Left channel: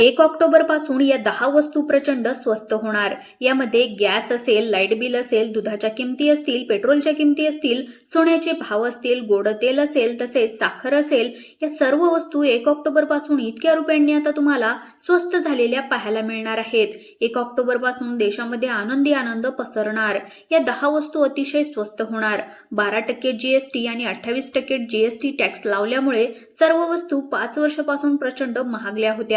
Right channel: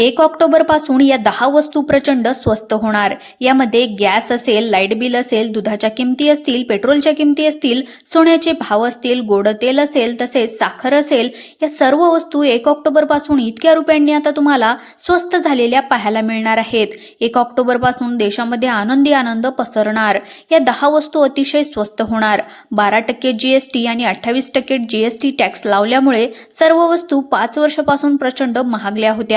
एक ऑक्टोबरपासून या दहा वस्तू प्रचंड स्वस्त होणार. यामध्ये गॅस असेल लाइट बिल असेल दुधाच्या किमती असतील पेट्रोलच्या किमती असतील सोन्याचे भाव असतील गोड तेल असेल तसेच साखर असेल या सर्व वस्तू एक ऑक्टोबरपासून इतक्या रुपयांनी आता तुम्हाला स्वस्त झालेल्या पाहायला मिळणार आहेत. एक ऑक्टोबरपासून देशामध्ये आनंदी आनंद पसरणार. या दहा वस्तू अतिशय स्वस्त होणार. बारा टक्के जीएसटी आणि अठ्ठावीस टक्के जीएसटी टॅक्स लावल्यामुळे सर्व वस्तू पाच वर्षापासून प्रचंड महागल्या होत्या.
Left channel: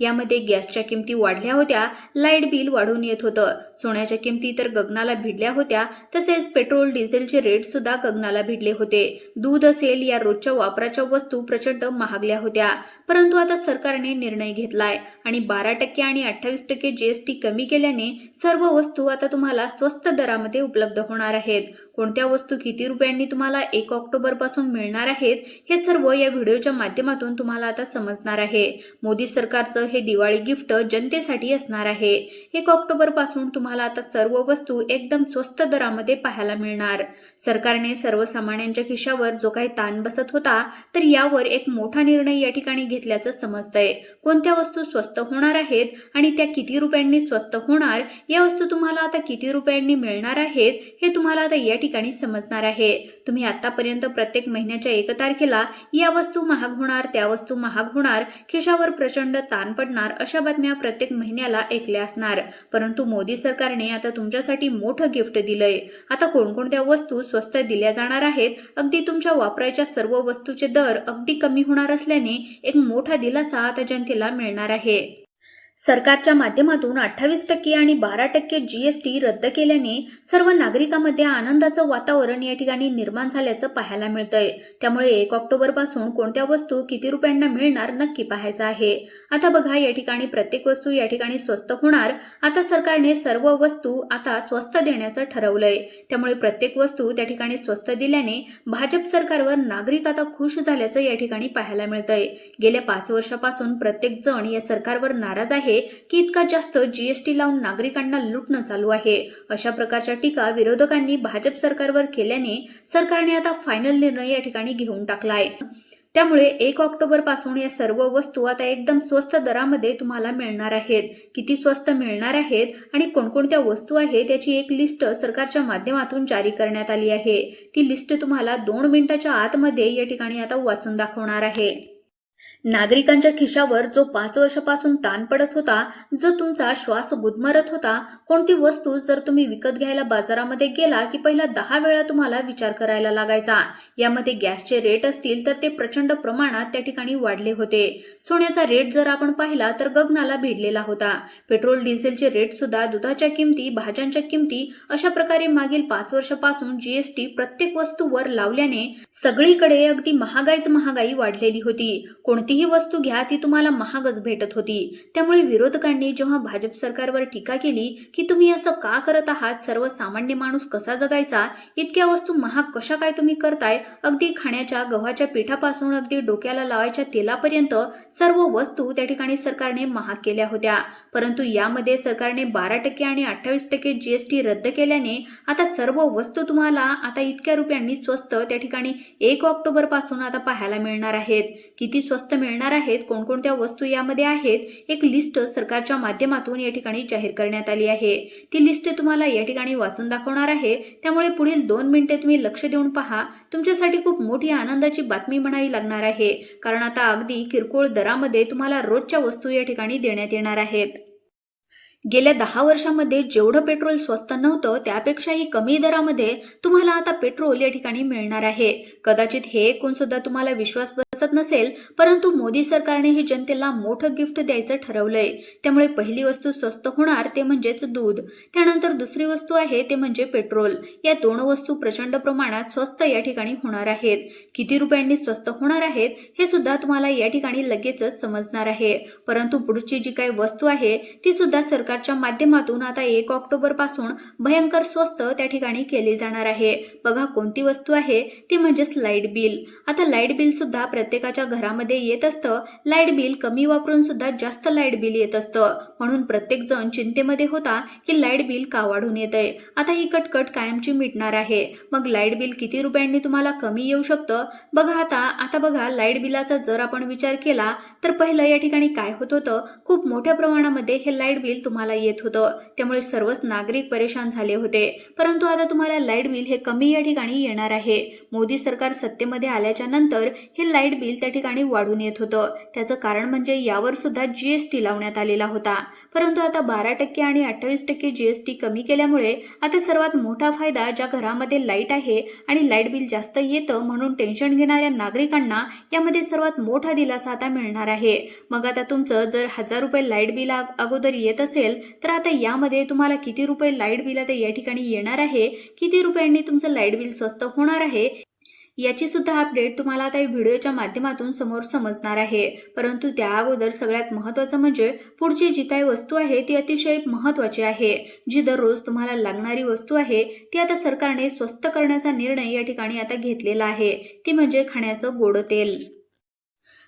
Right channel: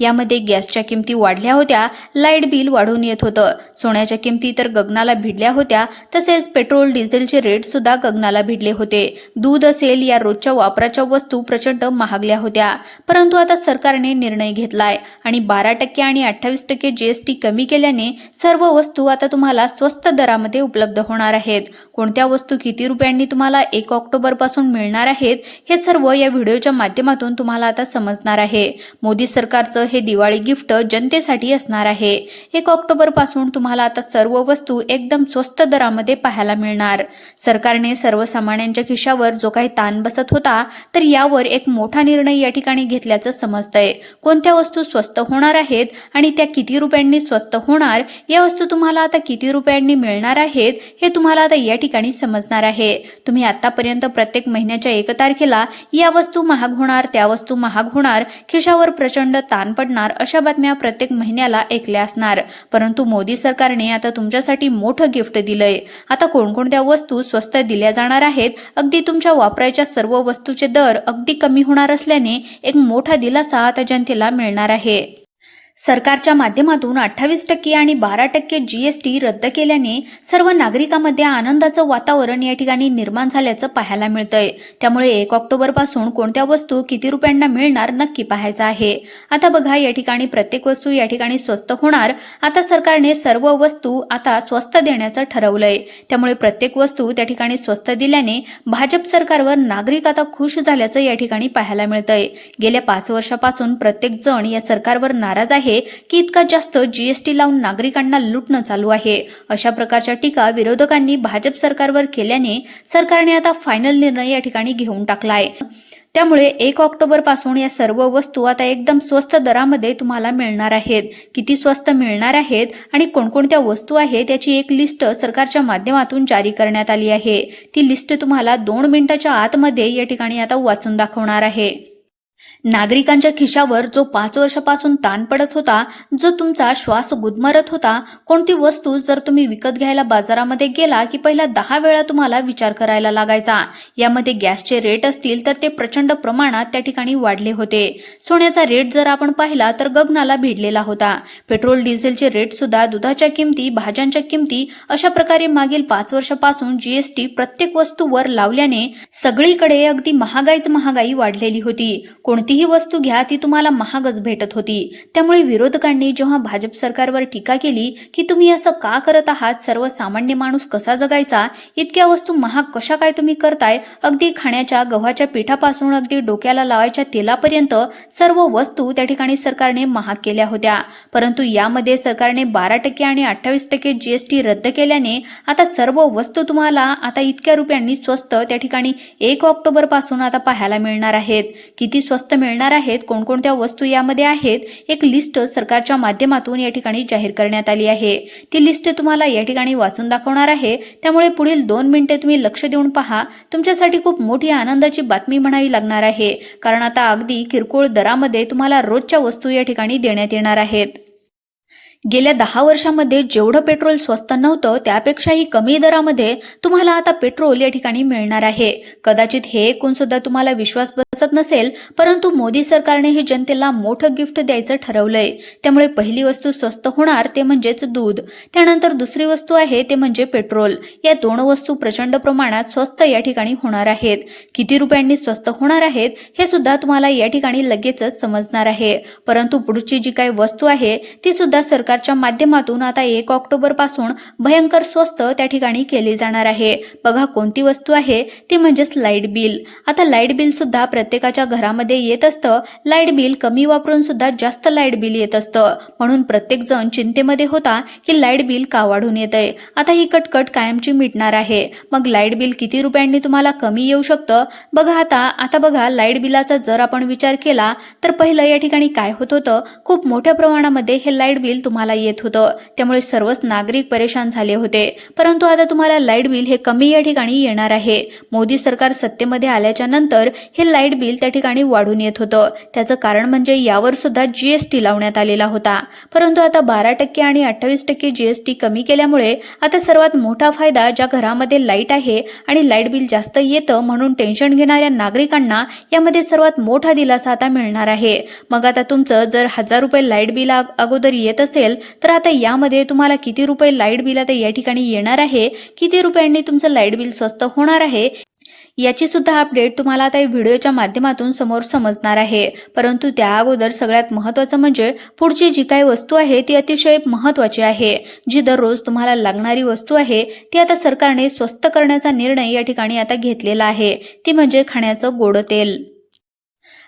यामध्ये गॅसच्या किमती वाढल्या होत्या लाइट बिल वाढून येत होतं. सोन्याच्या किमती तर गगनाला भिडल्या होत्या तसेच पेट्रोल डिझेलचे रेट सुद्धा गगनाला भिडले होते. दूध असेल या रोजच्या वापराच्या वस्तू प्रचंड महागल्या होत्या. परंतु आता सरकारने निर्णय घेतलाय आणि बारा टक्के आणि अठ्ठावीस टक्के जीएसटी कमी केल्याने सर्व वस्तू आता तुम्हाला स्वस्त दरामध्ये उपलब्ध होणार आहेत. कोणत्या वस्तू किती रुपयांनी तुम्हाला एक ऑक्टोबरपासून मिळणार आहेत हे सर्व या व्हिडिओच्या माध्यमातून तुम्हाला आता समजणार आहे. मोदी सरकारचं हे दिवाळी गिफ्ट जनतेसाठी असणार आहे. एक ऑक्टोबरपासून तुम्हाला आता सर्व वस्तू एकदम स्वस्त दरामध्ये पाहायला मिळणार. सरकारने सर्वसामान्यांच्या खिशावर जो काही ताण बसत होता तर यावर एक मोठा निर्णय या ठिकाणी घेतल्याचं समजतंय. कोणत्या वस्तू स्वस्त होणार आहेत आणि त्या किती रुपयांनी स्वस्त होणार या वस्तू तुम्हाला आता किती रुपयांनी मिळणार आहेत हे तुम्हाला आता या ठिकाणी समजणार आहे. तुम्ही आतापर्यंत प्रत्येक महिन्याच्या एक तारखेला या वस्तू महाग होणार त्या वस्तू महाग होणार खिशावर प्रचंड ताण पडणार अशा बातम्या प्रत्येक महिन्याला ऐकल्या असणार. परंतु मोदी सरकारने आता तुमच्यासाठी मोठं गिफ्ट दिलंय. आता कोणकोणत्या वस्तू स्वस्त दिल्या जाणार आहेत? अगदी तुमच्या वापरायच्या सर्व वस्तूचे दर अगदी कमी होणार असल्याने एक मोठा दिलासा आता जनतेला मिळणार आहे. सरकारच्या माध्यमातून अठ्ठावीस टक्के आणि बारा टक्के जीएसटी रद्द केल्याने सर्व नागरिकांमध्ये आनंदाचं वातावरण या ठिकाणी निर्माण झाल्याचं पाहायला मिळतंय. त्यामुळे एक ऑक्टोबरपासून कोणत्या वस्तू किती रुपयांना मिळणार नक्की पाहायचं आहे. आता बघा या ठिकाणी प्रत्येक वस्तू या ठिकाणी स्वस्त होणार. आता सरकारने सर्व वस्तू आता स्वस्त देण्याचं ठरवलंय. त्यामुळे प्रत्येक वस्तू त्या ठिकाणी स्वस्त दिल्याने भाजप सरकारवर नागरिक आता खुश झाल्याचं या ठिकाणी पाहायला मिळतंय. गेल्या पाच वर्षापासून प्रत्येक जण या सरकारवर नाराज आहे की इतका जास्त जीएसटी लावून नागरिकांना लुटणं चालू आहे. अशा प्रकारच्या टीका विरोधकांनी भाजप सरकारवर केल्याने सरकारने आता फायनल निर्णय या ठिकाणी घेऊन टाकलाय. त्यामुळे एक ऑक्टोबरपासून या सर्व वस्तू आता एकदम स्वस्त दरामध्ये तुम्हाला मिळणार आहेत. किती स्वस्त मिळणार आहेत आणि कोणकोणत्या वस्तू आहेत याची एक लिस्ट सरकारच्या माध्यमातून जारी करण्यात आली आहे. ती लिस्ट तुम्हाला दोन मिनिटाच्या आतमध्ये या ठिकाणी आता वाचून दाखवणार आहे. नागरिकांच्या खिशावर जो पाच वर्षापासून ताण पडत होता जो तुमचा श्वास गुदमरत होता कोणती वस्तू जर तुम्ही विकत घ्यायला बाजारामध्ये गेला की पहिला दहा वेळा तुम्हाला विचार करायला लागायचा. यामध्ये गॅसचे रेट असतील तर ते प्रचंड प्रमाणात त्या ठिकाणी वाढले होते. सोन्याचा रेट जर आपण पाहिला तर गगनाला भिडलेला होता. पेट्रोल डिझेलचे रेट सुद्धा दुधाच्या किमती भाज्यांच्या किमती अशा प्रकारे मागील पाच वर्षापासून जीएसटी प्रत्येक वस्तूवर लावल्याने सगळीकडे अगदी महागाईच महागाई वाढलेली होती. कोणती कोणतीही वस्तू घ्या ती तुम्हाला महागच भेटत होती. त्यामुळे विरोधकांनी जेव्हा भाजप सरकारवर टीका केली की तुम्ही असं का करत आहात सर्वसामान्य माणूस कसा जगायचा इतक्या वस्तू महाग कशा काय तुम्ही करताय अगदी खाण्याच्या गव्हाच्या पिठापासून अगदी डोक्याला लावायच्या तेलापर्यंत सर्व वस्तू त्या ठिकाणी सरकारने महाग केल्या होत्या. परंतु यामध्ये सरकारने बारा टक्के आणि अठ्ठावीस टक्के जीएसटी रद्द केल्याने आता सर्व वस्तू तुम्हाला आता इतक्या रुपयांनी स्वस्त त्या ठिकाणी एक ऑक्टोबरपासून आता पाहायला मिळणार आहेत. किती स्वस्त मिळणार आहेत? कोणकोणत्या वस्तू यामध्ये आहेत? एक लिस्ट सरकारच्या माध्यमातून या ठिकाणी जाहीर करण्यात आली आहे. ती लिस्ट तुम्हाला या ठिकाणी वाचून दाखवणार आहे. त्यामुळे पुढील दोन मिनिटे तुम्ही लक्ष देऊन पहा. तुमच्यासाठी खूप मोठी आनंदाची बातमी म्हणावी लागणार आहे. कारण आता अगदी किरकोळ दरामध्ये तुम्हाला रोजच्या वस्तू या ठिकाणी देण्यात येणार आहेत. गेल्या दहा वर्षामध्ये जेवढं पेट्रोल स्वस्त नव्हतं त्यापेक्षाही कमी दरामध्ये तुम्हाला आता पेट्रोल या ठिकाणी मिळणार आहे. कदाचित हे ऐकून सुद्धा तुम्हाला विश्वास बसत नसेल परंतु मोदी सरकारने हे जनतेला मोठं गिफ्ट द्यायचं ठरवलंय. त्यामुळे पहिली वस्तू स्वस्त होणार ते म्हणजेच दूध. त्यानंतर दुसरी वस्तू आहे ते म्हणजे पेट्रोल. या दोन वस्तू प्रचंड प्रमाणात स्वस्त या ठिकाणी होणार आहेत. किती रुपयांनी स्वस्त होणार आहेत हे सुद्धा तुम्हाला या ठिकाणी लगेचच समजणार आहे. परंतु पुढची जी काही वस्तू आहे ती सुद्धा सरकार सरकारच्या माध्यमातून आता एक ऑक्टोबरपासून भयंकर स्वस्त त्या ठिकाणी केली जाणार आहे. बघा कोणती वस्तू आहे? ती म्हणजेच लाइट बिल. आता लाइट बिल सुद्धा प्रत्येकाच्या घरामध्ये येत असतं. लाइट बिल कमी वापरून सुद्धा जास्त लाइट बिल येत असतं. म्हणून प्रत्येक जण चिंतेमध्ये होता की लाइट बिल का वाढून येतंय? आता ही कटकट कायमची मिटणार आहे. मग लाइट बिल किती रुपयांनी तुम्हाला कमी येऊ शकतं? बघा आता आता बघा लाइट बिलाचा जर आपण विचार केला तर पहिलं या ठिकाणी काय होत होतं? खूप मोठ्या प्रमाणामध्ये हे लाइट बिल तुम्हाला येत होतं. त्यामुळे सर्वच नागरिक परेशान झाले होते. परंतु आता तुम्हाला लाइट बिल हे कमी या ठिकाणी येणार आहे. मोदी सरकार सत्तेमध्ये आल्याच्यानंतर हे लाइट बिल त्या ठिकाणी वाढून येत होतं. त्याचं कारण म्हणजे यावर सुद्धा जीएसटी लावण्यात आलेला होता. परंतु आता बारा टक्के आणि अठ्ठावीस टक्के जीएसटी कमी केल्यामुळे आता सर्वात मोठा फायदा ज्या घरामध्ये लाइट आहे आणि लाइट बिल जास्त येतं म्हणून टेन्शन घेणाऱ्या नागरिकांना यामध्ये सर्वात मोठा दिलासा आता मिळणार आहे. मग आता तुमचं जर हजार रुपये लाइट बिल अगोदर येत असेल तर आता यामध्ये तुम्हाला किती रुपये लाइट बिल आता या ठिकाणी येणार आहे? किती रुपयांनी तुमचं लाइट बिल स्वस्त होणार आहे? याची सुद्धा अपडेट तुम्हाला आता व्हिडिओच्या माध्यमातून समोर समजणार आहे. परंतु त्या अगोदर सगळ्यात महत्त्वाचं म्हणजे पुढची जी काही वस्तू आहे ती अतिशय महत्त्वाची आहे. जी दररोज तुम्हाला लागणारी वस्तू आहे ती आता सरकारने स्वस्त करण्याचा निर्णय या ठिकाणी आता घेतलेला आहे. ती म्हणजे खाण्याचं गोड तेल.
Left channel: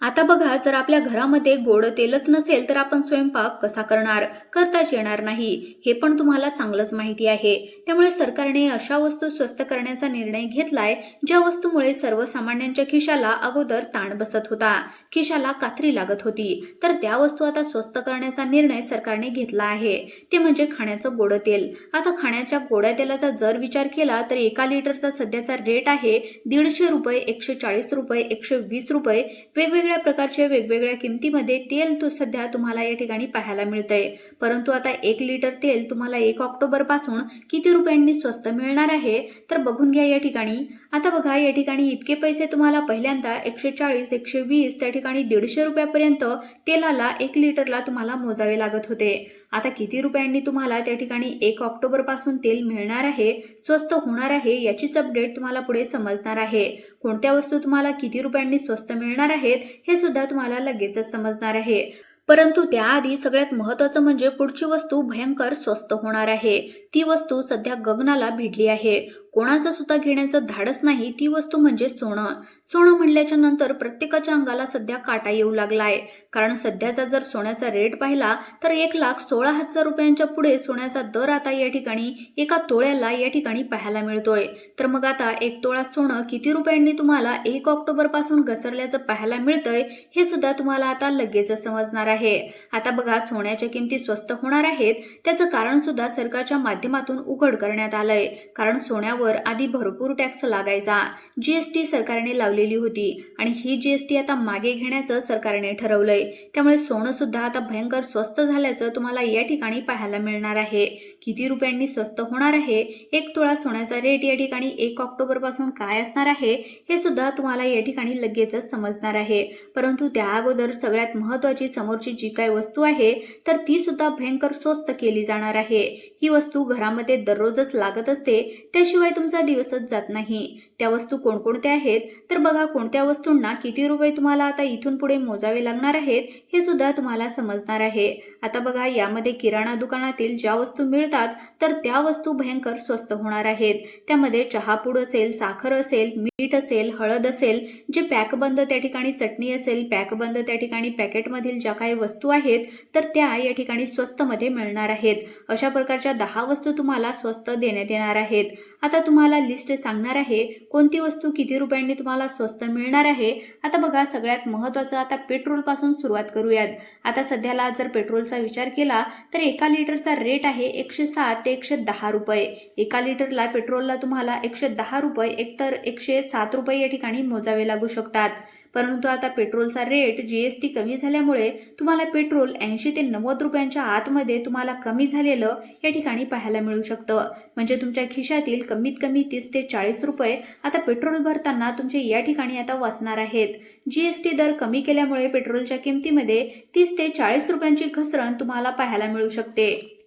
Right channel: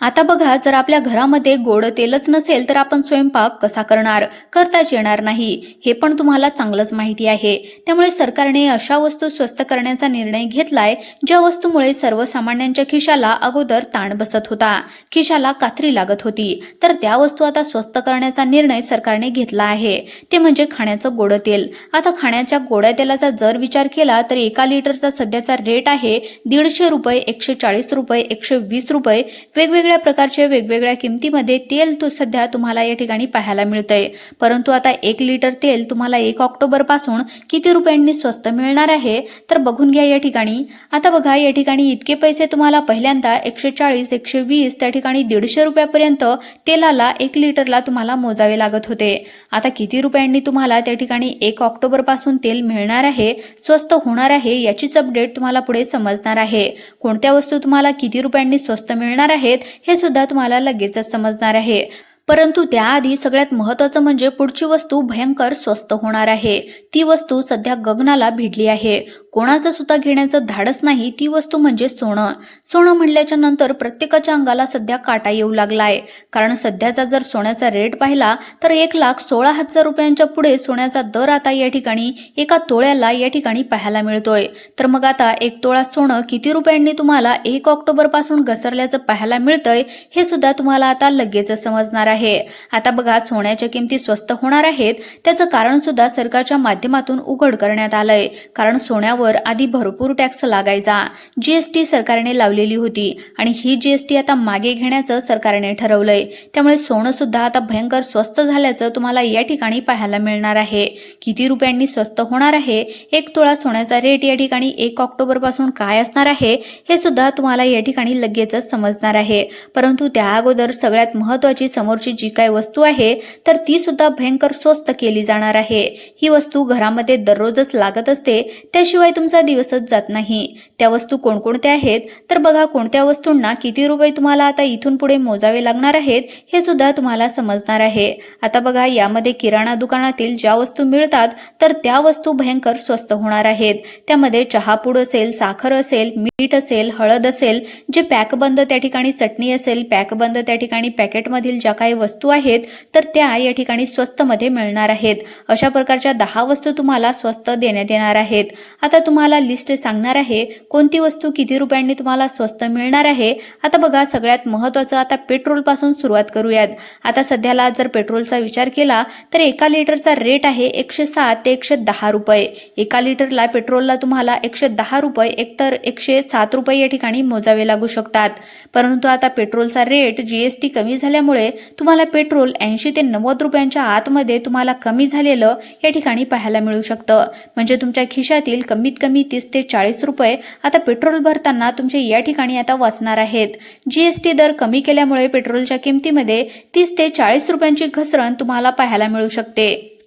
आता बघा जर आपल्या घरामध्ये गोड तेलच नसेल तर आपण स्वयंपाक कसा करणार? करताच येणार नाही. हे पण तुम्हाला चांगलंच माहिती आहे. त्यामुळे सरकारने अशा वस्तू स्वस्त करण्याचा निर्णय घेतलाय ज्या वस्तूमुळे सर्वसामान्यांच्या खिशाला अगोदर ताण बसत होता. खिशाला कात्री लागत होती. तर त्या वस्तू आता स्वस्त करण्याचा निर्णय सरकारने घेतला आहे. ते म्हणजे खाण्याचं गोड तेल. आता खाण्याच्या गोड्या तेलाचा जर विचार केला तर एका लिटरचा सध्याचा रेट आहे दीडशे रुपये एकशे चाळीस रुपये एकशे वीस रुपये. वेगवेगळे वेगवेगळ्या प्रकारचे वेगवेगळ्या किमतीमध्ये तेल तो सध्या तुम्हाला या ठिकाणी पाहायला मिळतंय. परंतु आता एक लिटर तेल तुम्हाला एक ऑक्टोबरपासून किती रुपयांनी स्वस्त मिळणार आहे? तर बघून घ्या या ठिकाणी. आता बघा या ठिकाणी इतके पैसे तुम्हाला पहिल्यांदा एकशे चाळीस एकशे वीस त्या ठिकाणी दीडशे रुपयापर्यंत तेलाला एक लिटरला तुम्हाला मोजावे लागत होते. आता किती रुपयांनी तुम्हाला त्या ठिकाणी एक ऑक्टोबरपासून तेल मिळणार आहे स्वस्त होणार आहे याचीच अपडेट तुम्हाला पुढे समजणार आहे. कोणत्या वस्तू तुम्हाला किती रुपयांनी स्वस्त मिळणार आहेत हे सुद्धा तुम्हाला लगेचच समजणार आहे. परंतु त्याआधी सगळ्यात महत्त्वाचं म्हणजे पुढची वस्तू भयंकर स्वस्त होणार आहे. ती वस्तू सध्या गगनाला भिडली आहे. कोणाचं सुद्धा घेण्याचं धाडस नाही ती वस्तू म्हणजे सोनं. सोनं म्हणल्याच्या नंतर प्रत्येकाच्या अंगाला सध्या काटा येऊ लागलाय. कारण सध्याचा जर सोन्याचा रेट पाहिला तर एक लाख सोळा हजार रुपयांच्या पुढे सोन्याचा दर आता या ठिकाणी एका तोळ्याला या ठिकाणी पाहायला मिळतोय. तर मग आता एक तोळा सोनं किती रुपयांनी तुम्हाला एक ऑक्टोबरपासून घसरल्याचं पाहायला मिळतंय हे सुद्धा तुम्हाला आता लगेच समजणार आहे. आता बघा सोन्याच्या किमती स्वस्त होणार आहेत त्याचं कारण सुद्धा सरकारच्या माध्यमातून उघड करण्यात आलंय. कारण सोन्यावर आधी भरपूर टॅक्स लागायचा. जीएसटी सरकारने लावलेली होती आणि ही जीएसटी आता मागे घेण्याचं सरकारने ठरवलंय. त्यामुळे सोनं सुद्धा आता भयंकर स्वस्त झाल्याचं तुम्हाला या ठिकाणी पाहायला मिळणार आहे. किती रुपयांनी स्वस्त होणार आहे? एक तोळा सोन्याचा रेट या ठिकाणी एक ऑक्टोबरपासून काय असणार आहे? हे सुद्धा तुम्हाला या ठिकाणी लगेचच समजणार आहे. परंतु त्या अगोदर सगळ्यात महत्वाची समोरची जी काय वस्तू आहे तर ती सुद्धा भयंकर स्वस्त केली जाणार आहे. ही वस्तू घरामध्ये दररोजच लागत असते. त्याशिवाय तुमचा दिवसच जात नाही. त्या वस्तू कोणकोणत्या आहेत? तर बघा कोणत्या वस्तूंना किती रुपये तुम्हाला आता इथून पुढे मोजावे लागणार आहेत हे सुद्धा तुम्हाला समजणार आहे. आता बघा यामध्ये किराणा दुकानातील ज्या वस्तू मिळतात तर त्या वस्तू भयंकर स्वस्त होणार आहेत. त्यामध्ये चहापूड असेल साखर असेल मीठ असेल हळद असेल जे पॅकबंद त्या ठिकाणी चटणी असेल पॅकबंद त्या ठिकाणी पॅकेटमधील ज्या काही वस्तू आहेत तर त्या या ठिकाणी स्वस्तमध्ये मिळणार आहेत. अशा प्रकारच्या दहा वस्तू तुम्हाला स्वस्त देण्यात येणार आहेत. आता तुम्हाला लिस्ट सांगणार आहे कोणती वस्तू किती रुपयांनी तुम्हाला स्वस्त मिळणार आहे. आता बघा सगळ्यात महत्त्वाचं आता पेट्रोलपासून सुरुवात करूयात. आता सध्याला जर पेट्रोलचा विचार केला तर एका लिटरचा रेट आहे एकशे सात ते एकशे दहा रुपये. एका लिटरला पेट्रोलला तुम्हाला एकशे दहा रुपये एकतर एकशे सात रुपये या ठिकाणी मोजावे लागू शकतात. परंतु आता पेट्रोलचा रेट जीएसटी कमी झाल्यामुळे तुम्हाला पेट्रोल ऐंशी ते नव्वद रुपयांच्या आतमध्ये तुम्हाला कमी झालेलं या ठिकाणी पाहायला मिळू शकतं. म्हणजे तुमच्या खिशातील कमी कमीत कमी तीस ते चाळीस रुपये आता पेट्रोल भरताना तुमचे या ठिकाणी आता वाचणार आहेत. जीएसटी दर कमी केल्यामुळे पेट्रोलच्या किमतीमध्ये तीस ते चाळीस रुपयांची घसरण तुम्हाला पाहायला मिळू शकते.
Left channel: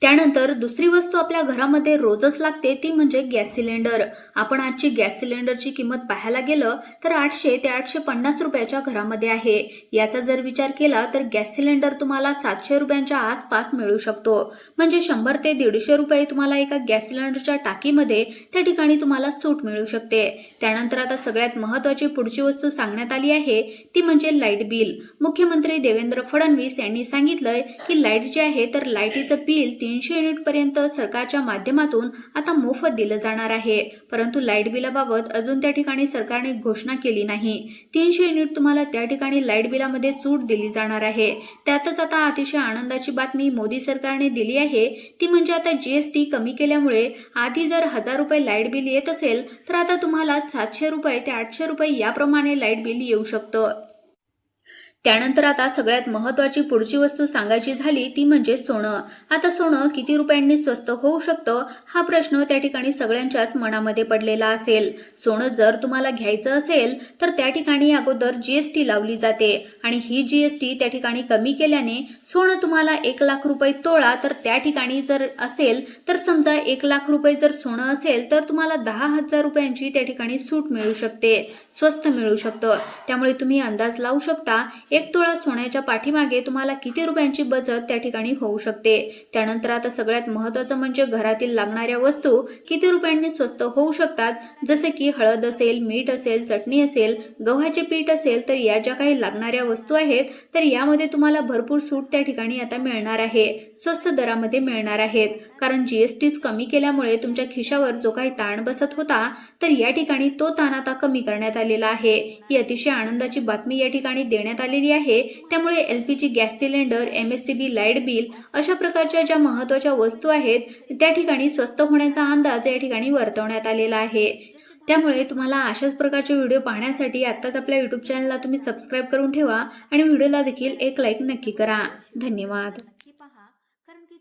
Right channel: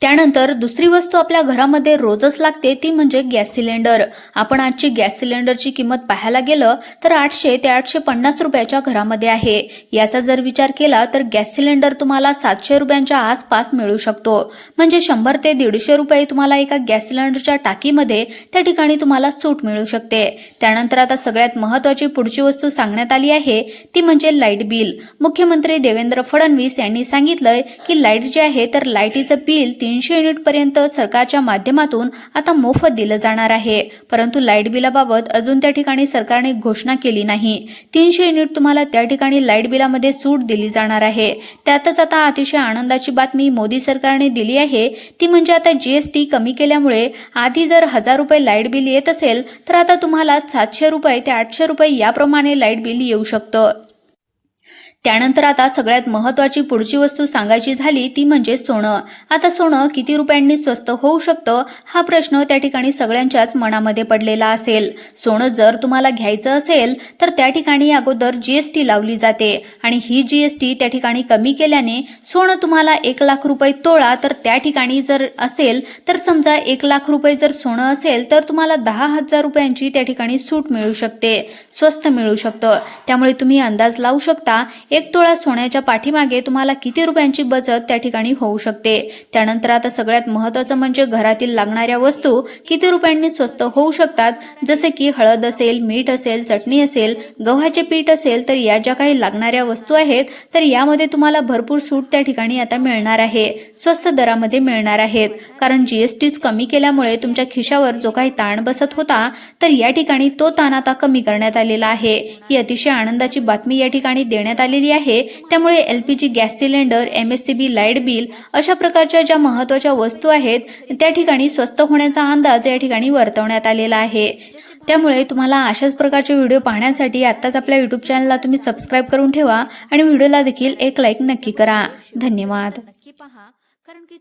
त्यानंतर दुसरी वस्तू आपल्या घरामध्ये रोजच लागते ती म्हणजे गॅस सिलेंडर. आपण आजची गॅस सिलेंडरची किंमत पाहायला गेलं तर आठशे ते आठशे पन्नास रुपयाच्या घरामध्ये आहे. याचा जर विचार केला तर गॅस सिलेंडर तुम्हाला सातशे रुपयांच्या आसपास मिळू शकतो. म्हणजे शंभर ते दीडशे रुपये तुम्हाला एका गॅस सिलेंडरच्या टाकीमध्ये त्या ठिकाणी तुम्हाला सूट मिळू शकते. त्यानंतर आता सगळ्यात महत्वाची पुढची वस्तू सांगण्यात आली आहे ती म्हणजे लाइट बिल. मुख्यमंत्री देवेंद्र फडणवीस यांनी सांगितलंय की लाइट जे आहे तर लाईटीचं बिल तीनशे युनिटपर्यंत सरकारच्या माध्यमातून आता मोफत दिलं जाणार आहे. परंतु लाइट बिलाबाबत अजून त्या ठिकाणी सरकारने घोषणा केली नाही. तीनशे युनिट तुम्हाला त्या ठिकाणी लाइट बिलामध्ये सूट दिली जाणार आहे. त्यातच आता अतिशय आनंदाची बातमी मोदी सरकारने दिली आहे. ती म्हणजे आता जीएसटी कमी केल्यामुळे आधी जर हजार रुपये लाइट बिल येत असेल तर आता तुम्हाला सातशे रुपये ते आठशे रुपये याप्रमाणे लाइट बिल येऊ शकतं. त्यानंतर आता सगळ्यात महत्वाची पुढची वस्तू सांगायची झाली ती म्हणजे सोनं. आता सोनं किती रुपयांनी स्वस्त होऊ शकतं हा प्रश्न त्या ठिकाणी सगळ्यांच्याच मनामध्ये पडलेला असेल. सोनं जर तुम्हाला घ्यायचं असेल तर त्या ठिकाणी अगोदर जीएसटी लावली जाते. आणि ही जीएसटी त्या ठिकाणी कमी केल्याने सोनं तुम्हाला एक लाख रुपये तोळा तर त्या ठिकाणी जर असेल तर समजा एक लाख रुपये जर सोनं असेल तर तुम्हाला दहा हजार रुपयांची त्या ठिकाणी सूट मिळू शकते स्वस्त मिळू शकतं. त्यामुळे तुम्ही अंदाज लावू शकता एक तोळा सोन्याच्या पाठीमागे तुम्हाला किती रुपयांची बचत त्या ठिकाणी होऊ शकते. त्यानंतर आता सगळ्यात महत्त्वाचं म्हणजे घरातील लागणाऱ्या वस्तू किती रुपयांनी स्वस्त होऊ शकतात. जसे की हळद असेल मीठ असेल चटणी असेल गव्हाचे पीठ असेल तर या ज्या काही लागणाऱ्या वस्तू आहेत तर यामध्ये तुम्हाला भरपूर सूट त्या ठिकाणी आता मिळणार आहे. स्वस्त दरामध्ये मिळणार आहेत. कारण जीएसटीच कमी केल्यामुळे तुमच्या खिशावर जो काही ताण बसत होता तर या ठिकाणी तो ताण आता कमी करण्यात आलेला आहे. ही अतिशय आनंदाची बातमी या ठिकाणी देण्यात आलेली आहे. त्यामुळे L P G gas cylinder M S C B light bill अशा प्रकारच्या ज्या महत्त्वाच्या वस्तू आहेत त्या ठिकाणी स्वस्त होण्याचा अंदाज या ठिकाणी वर्तवण्यात आलेला आहे. त्यामुळे तुम्हाला अशाच प्रकारचे व्हिडिओ पाहण्यासाठी आत्ताच आपल्या यूट्यूब चॅनलला तुम्ही सबस्क्राईब करून ठेवा आणि व्हिडिओला देखील एक लाईक नक्की करा. धन्यवाद.